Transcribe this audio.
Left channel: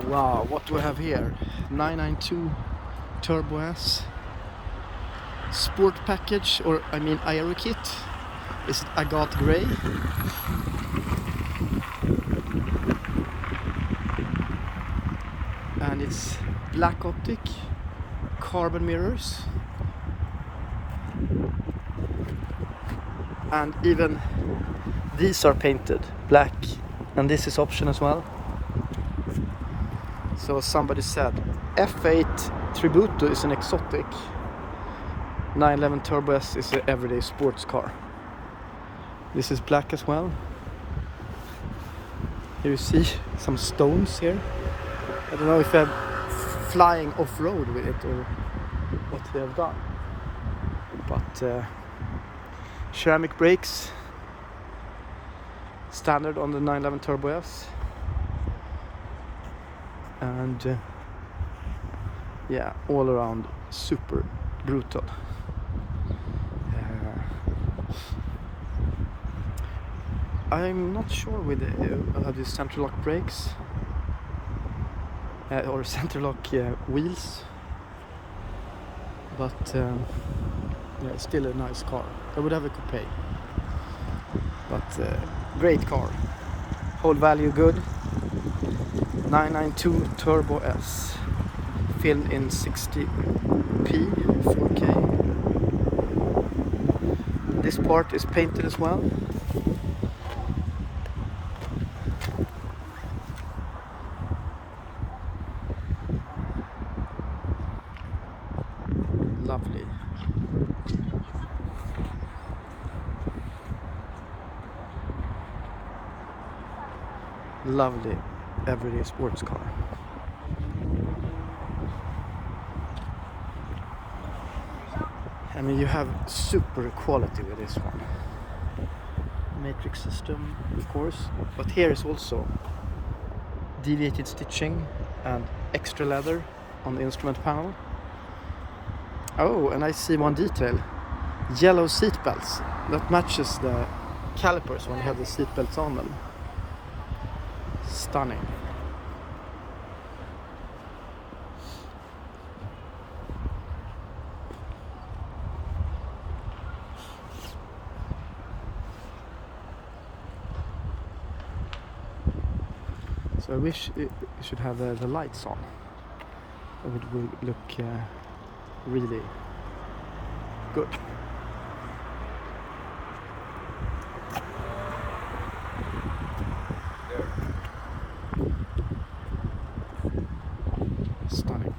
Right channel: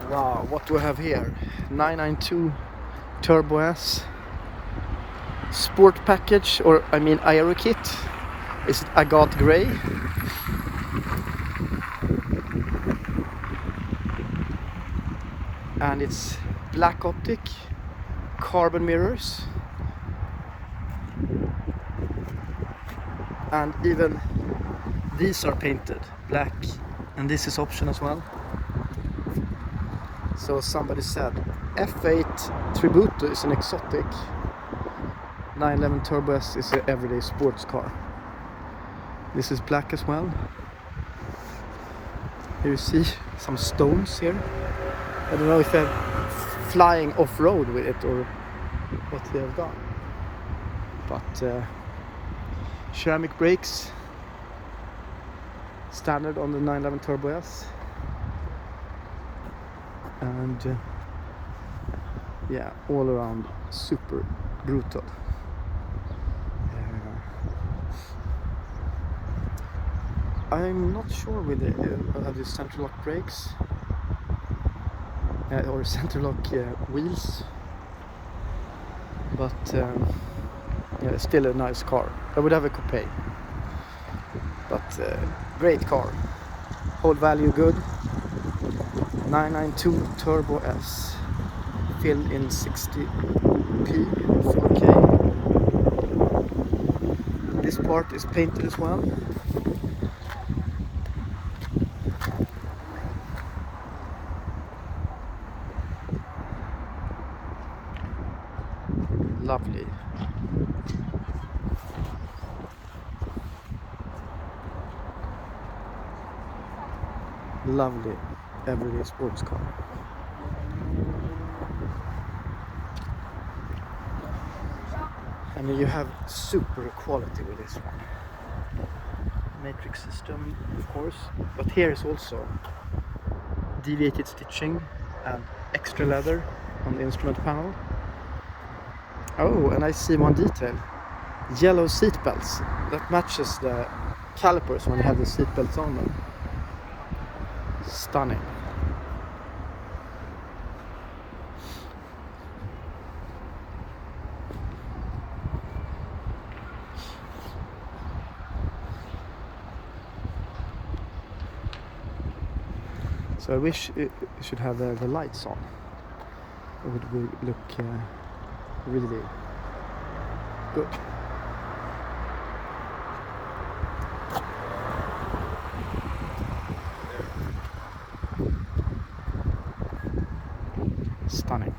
Wow, what do we have here? 992 Turbo S Sport package, or I mean Aero kit. Is it agate grey? And it's black optic, carbon mirrors, and even these are painted black, and this is option as well. So somebody said F8 Tributo is an exotic, 911 Turbo S is an everyday sports car. This is black as well. Here you see some stones here. I don't know if they're flying off-road with it or what they have done. But ceramic brakes, standard on the 911 Turbo S. And yeah, all around super brutal. I'm not sure with the center lock brakes or center lock wheels, but yeah, still a nice car. I would have a coupe, but great car. Whole value good. 992 Turbo S, filmed in 60p 4K. This part is painted as well. Lovely. Lovely everyday sports car. I mean, you have super quality with this one. Matrix system, of course, but here is also deviated stitching and extra leather on the instrument panel. Oh, and I see one detail. Yellow seat belts. That matches the calipers when you have the seat belts on them. Stunning. So I wish it should have the lights on. It would look really good. Stunning.